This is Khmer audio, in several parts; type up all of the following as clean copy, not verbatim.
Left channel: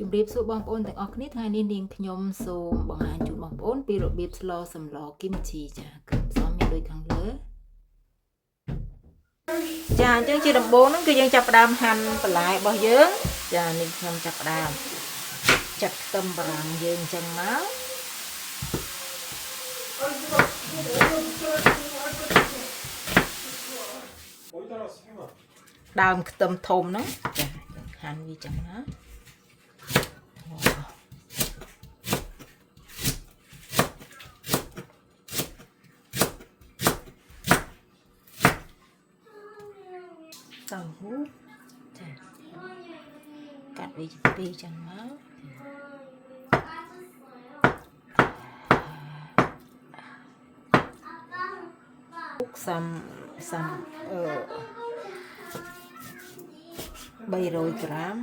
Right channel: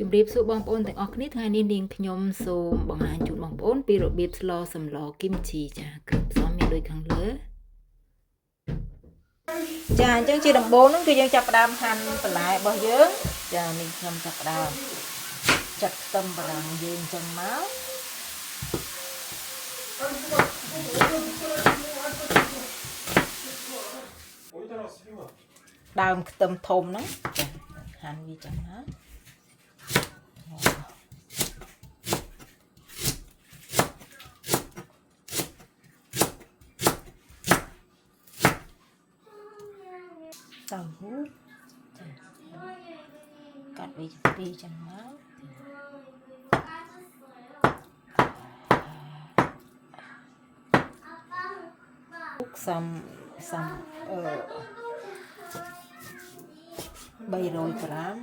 ជំរាបសួរបងប្អូនទាំងអស់គ្នាថ្ងៃនេះនាងខ្ញុំសូមបង្ហាញជូនបងប្អូនពីរបៀបស្លសម្លគីមជីចាគ្រឿងផ្សំមានដូចខាងលើចាអញ្ចឹងជាដំបូងហ្នឹងគឺយើងចាប់ផ្ដើមហាន់បន្លែរបស់យើងចានេះខ្ញុំចាប់ផ្ដើមចាក់ខ្ទឹមបារាំងយើងអញ្ចឹងមកដើមខ្ទឹមធំហ្នឹងចាហាន់វាចឹងណាតៅហ៊ូចាកាត់វាជាពីរចឹងមកសំ300 ក្រាម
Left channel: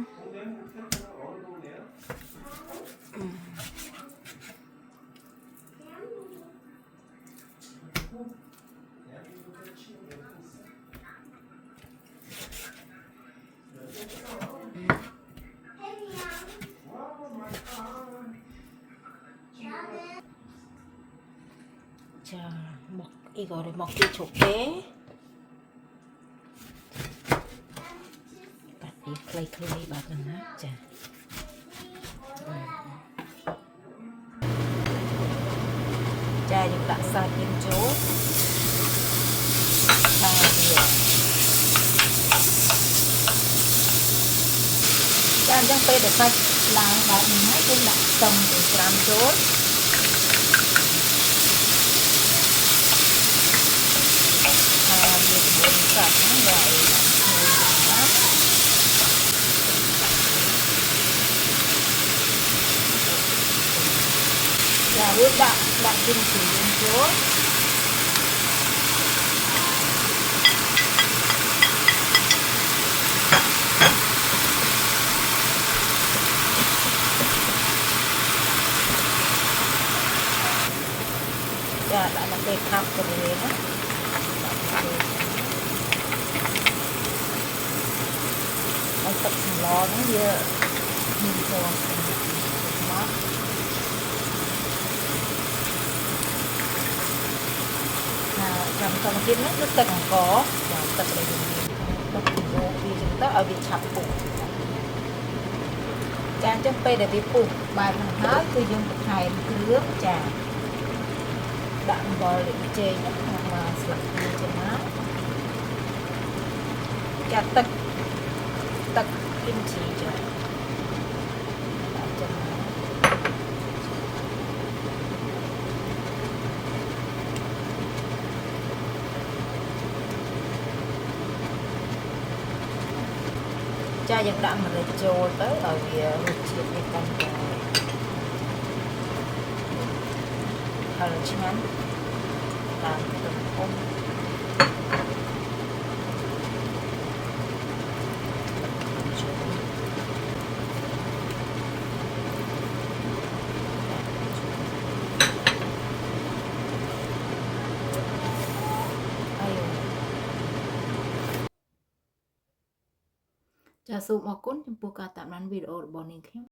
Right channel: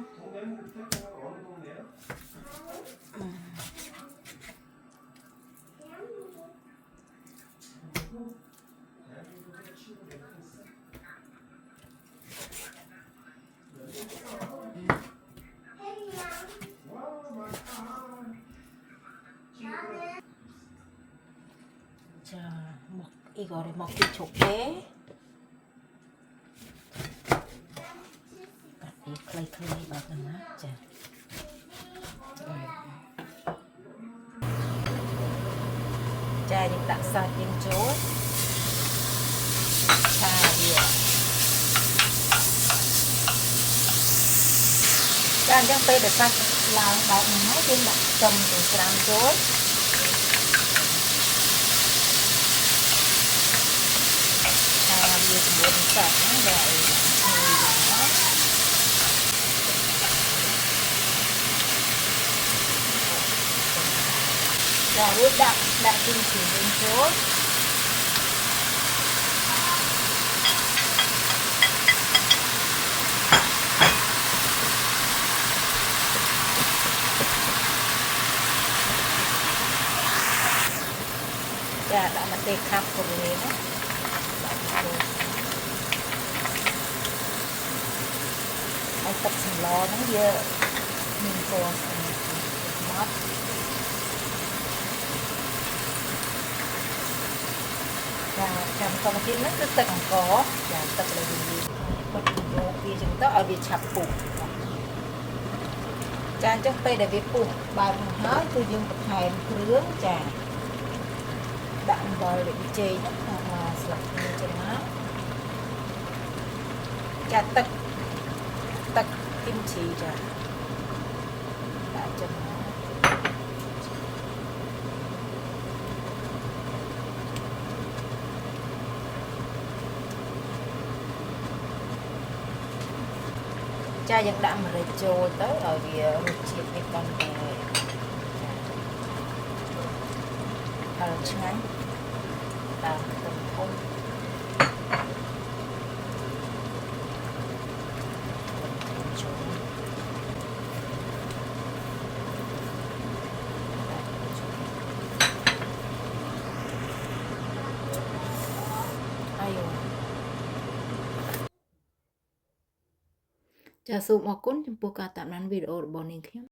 ចាមកអ៊ីកអរមកពីជុកទេតាក់ពីខ្លីៗបាទណាចាចាយើងដាក់សាច់យើងចូលចាវាចាអញ្ចឹងពេលដែលសាច់ឡើងដល់នេះហើយយើងដាក់ខ្ទឹមទៅច្រាំចូលវាក្បួនសាច់ហ្នឹងវាឲ្យបានឈ្ងុយណាចារួចដាក់គីមជីយើងចូលចាដាក់មកពេលខាប់ទៅវិញណាហើយទឹកសម្លហ្នឹងវាមានពណ៌ស្អាតមកចាំកម្មវិធីហ្នឹងគឺទឹកអង្ករចាទឹកដែលយើងបុកយកវាចឹងទៅឲ្យវាឆាប់ពុះចាអញ្ចឹងពេលដែលវាពុះបែបហ្នឹងហើយគឺយើងបន្ថែមគ្រឿងចាដាក់អំបិលលីងចេកហ្នឹងមកស្លាបព្រាចឹងណាចាទឹកគីមជីចាដាក់ចឹងណាចាយើងដាក់ម្រេចចូលទៅឲ្យវារសជាតិវាកាន់តែហឹរឆ្ងាញ់តាមទំហំចាសូមអរគុណចំពោះការតាមដានវីដេអូរបស់នាងខ្ញុំ